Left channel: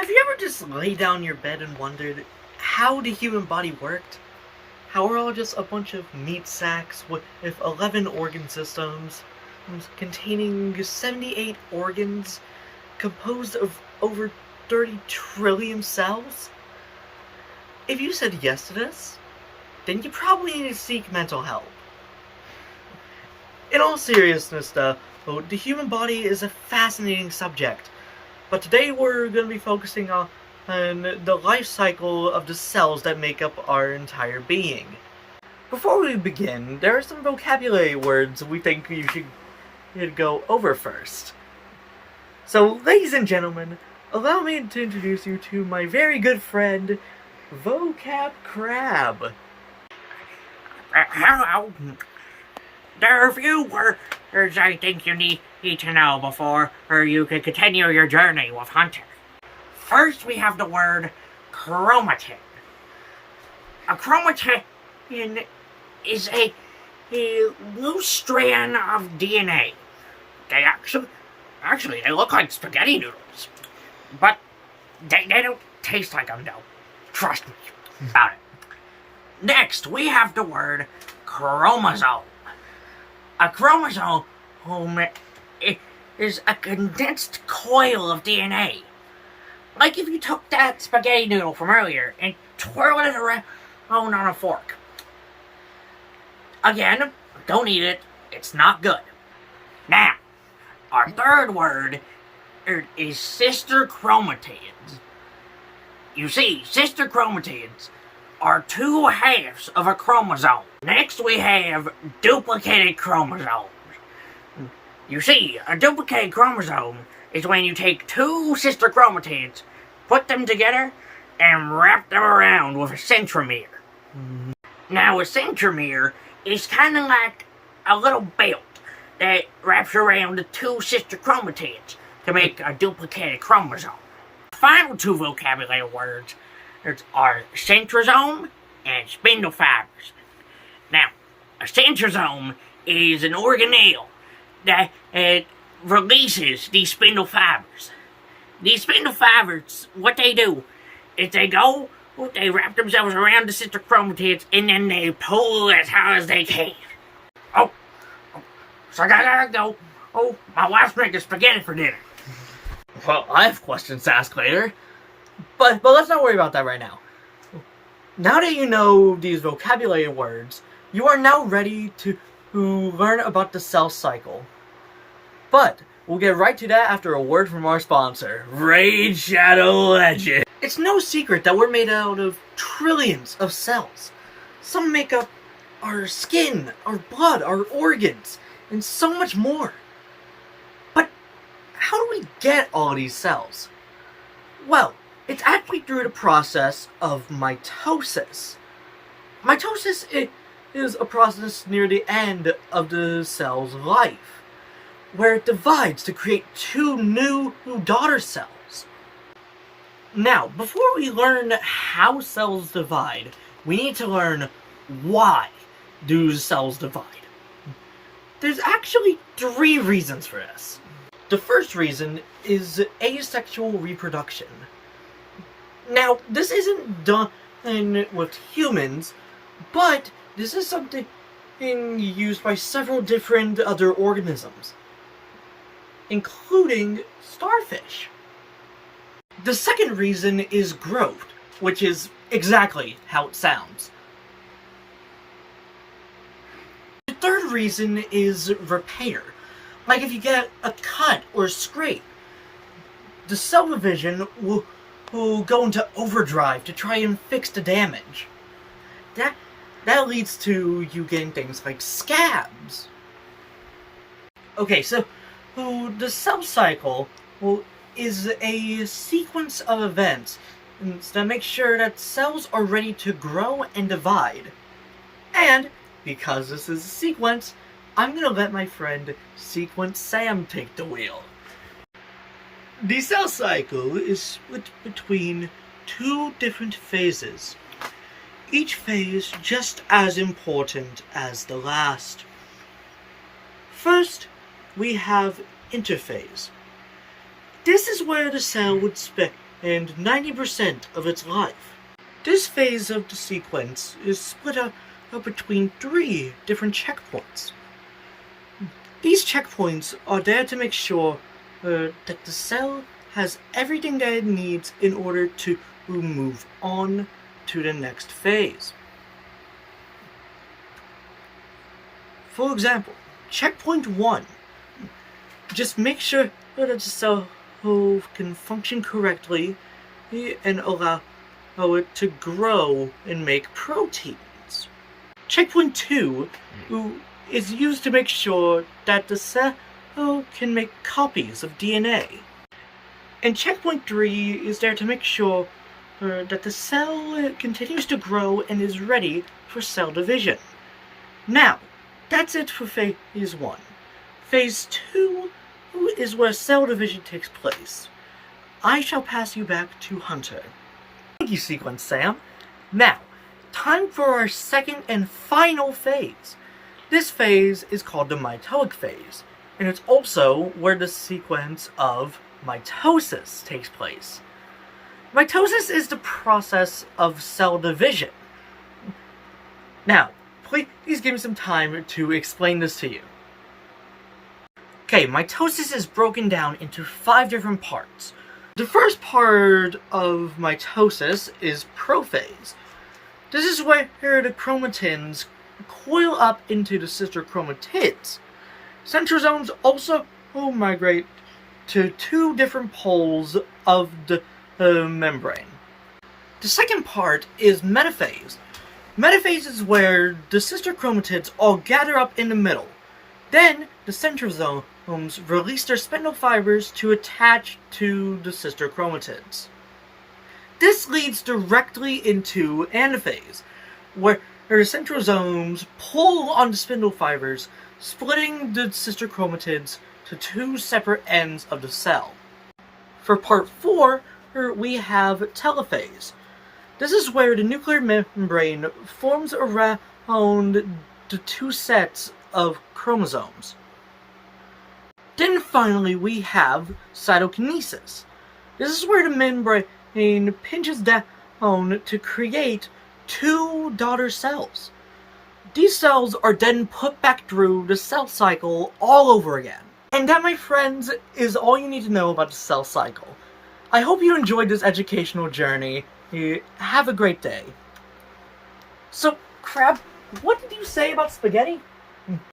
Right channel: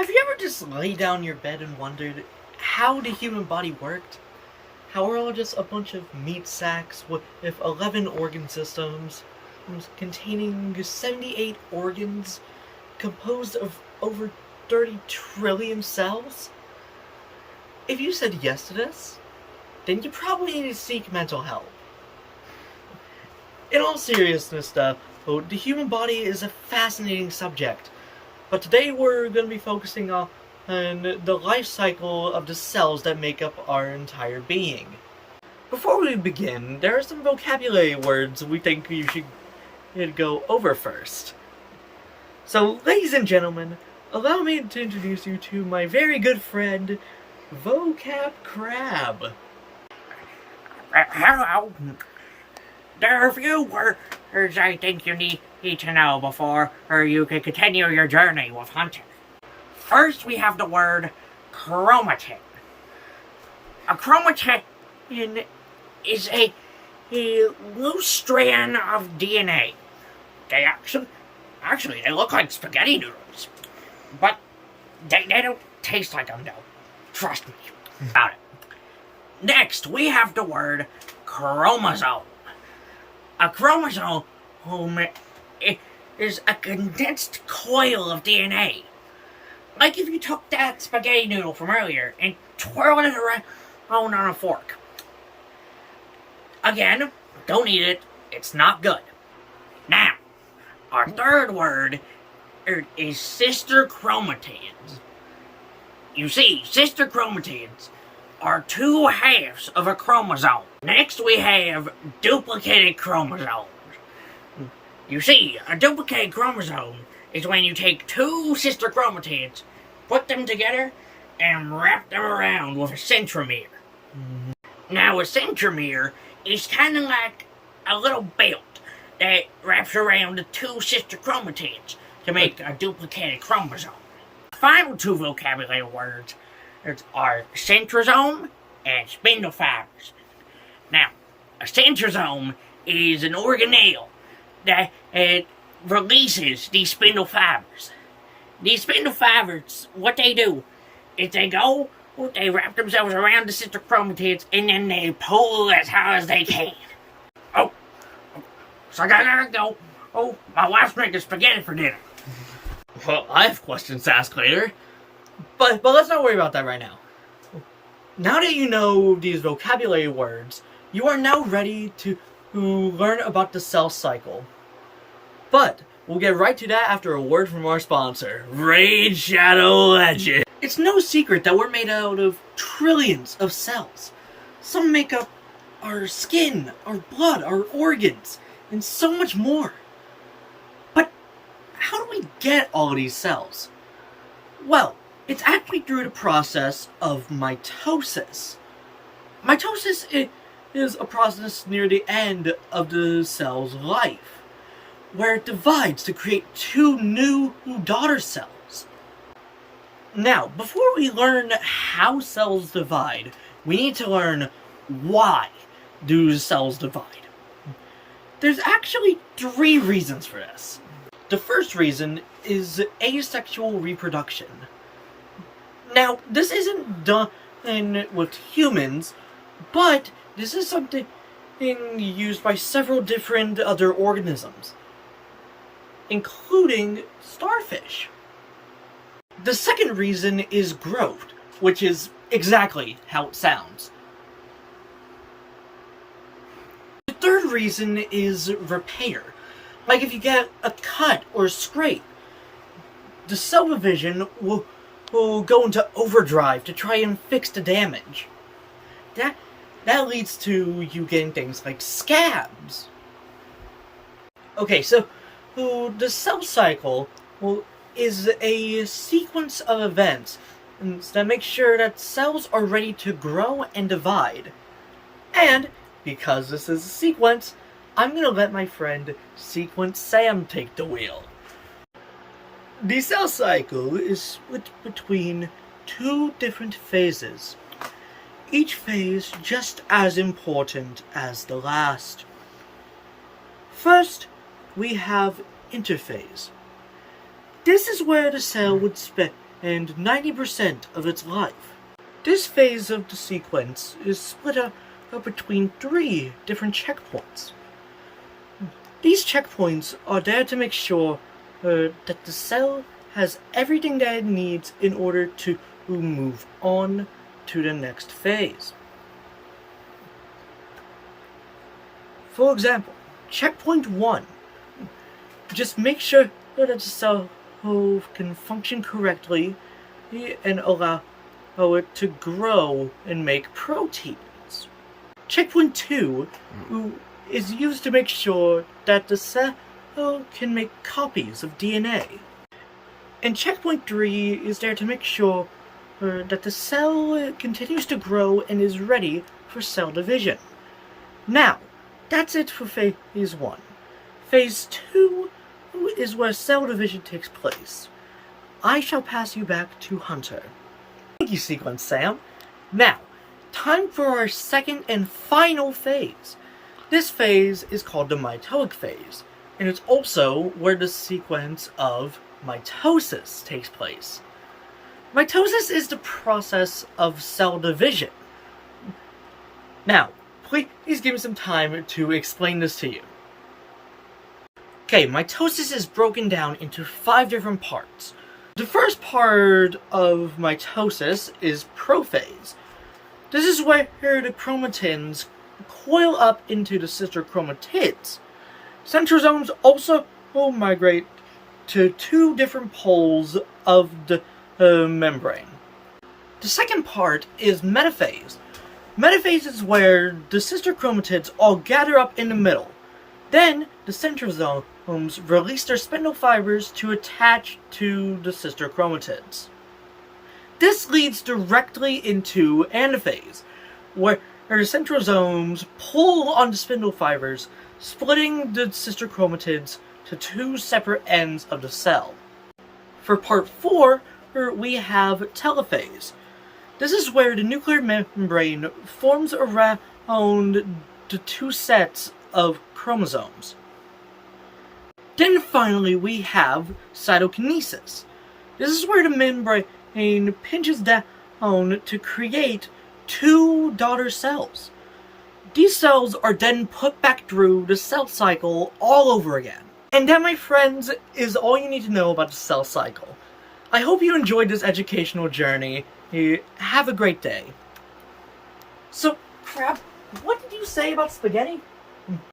Have you ever just laid down in your bed and wondered how the human body worked? How we're all just a bunch of meat sacks with 11 organ systems, containing 78 organs, composed of over 30 trillion cells? If you said yes to this, then you probably need to seek mental help. In all seriousness, though, the human body is a fascinating subject, but today we're going to be focusing on the life cycle of the cells that make up our entire being. Before we begin, there are some vocabulary words we think you should go over first. So, ladies and gentlemen, allow me to introduce you to my very good friend, Vocab Crab. Hello. There are a few words I think you need to know before you can continue your journey with Hunter. First, we have the word chromatin. A chromatin is a loose strand of DNA. They actually they look like spaghetti noodles, but they don't taste like them though. Trust me about it. Next, we have the word chromosome. A chromosome is a condensed coil of DNA. Like if you took that spaghetti noodle from earlier and twirled it around on a fork. Again, don't eat it. It's not good. Now, our third word is sister chromatids. You see, sister chromatids are two halves of a chromosome. Next, we have duplicated chromosomes. You see, a duplicated chromosome is when you take two sister chromatids, put them together, and wrap them around with a centromere. Now, a centromere is kind of like a little belt that wraps around the two sister chromatids to make a duplicated chromosome. Final two vocabulary words are centrosome and spindle fibers. Now, a centrosome is an organelle that releases these spindle fibers. These spindle fibers, what they do is they wrap themselves around the sister chromatids and then they pull as hard as they can. Oh, so I gotta go. Oh, my wife's making spaghetti for dinner. Well, I have questions to ask later, but let's not worry about that right now. Now that you know these vocabulary words, you are now ready to learn about the cell cycle. But we'll get right to that after a word from our sponsor, Raid Shadow Legends. It's no secret that we're made out of trillions of cells. Some make up our skin, our blood, our organs, and so much more. But how do we get all these cells? Well, it's actually through the process of mitosis. Mitosis is a process near the end of the cell's life, where it divides to create two new daughter cells. Now, before we learn how cells divide, we need to learn why do cells divide. There's actually three reasons for this. The first reason is asexual reproduction. Now, this isn't done with humans, but this is something used by several different other organisms, including starfish. The second reason is growth, which is exactly how it sounds. The third reason is repair. Like if you get a cut or a scrape, the cell division will go into overdrive to try and fix the damage. That leads to you getting things like scabs. Okay, so the cell cycle is a sequence of events that make sure that cells are ready to grow and divide. And because this is a sequence, I'm going to let my friend Sequence Sam take the wheel. The cell cycle is split between two different phases, each phase just as important as the last. First, we have interphase. This is where the cell would and 90% of its life. This phase of the sequence is split up between 3 different checkpoints. These checkpoints are there to make sure that the cell has everything that it needs in order to move on to the next phase. For example, checkpoint 1. Just make sure that the cell can function correctly and allow it to grow and make proteins. Checkpoint 2 is used to make sure that the cell can make copies of DNA. And checkpoint 3 is there to make sure that the cell continues to grow and is ready for cell division. Now, that's it for phase 1. Phase 2 is where cell division takes place. I shall pass you back to Hunter. Thank you, Sequence Sam. Now, time for our second and final phase. This phase is called the mitotic phase, and it's also where the sequence of mitosis takes place. Mitosis is the process of cell division. Now, please give me some time to explain this to you. Okay, mitosis is broken down into 5 different parts. The first part of mitosis is prophase. This is where the chromatins coil up into the sister chromatids. Centrosomes also migrate to 2 different poles of the membrane. The second part is metaphase. Metaphase is where the sister chromatids all gather up in the middle. Then, the centrosomes release their spindle fibers to attach to the sister chromatids. This leads directly into anaphase, where the centrosomes pull on the spindle fibers, splitting the sister chromatids to 2 separate ends of the cell. For part 4, we have telophase. This is where the nuclear membrane forms around the 2 sets of chromosomes. Then finally we have cytokinesis. This is where the membrane pinches down to create 2 daughter cells. These cells are then put back through the cell cycle all over again. And that, my friends, is all you need to know about the cell cycle. I hope you enjoyed this educational journey. Have a great day. So, Crab, what did you say about spaghetti?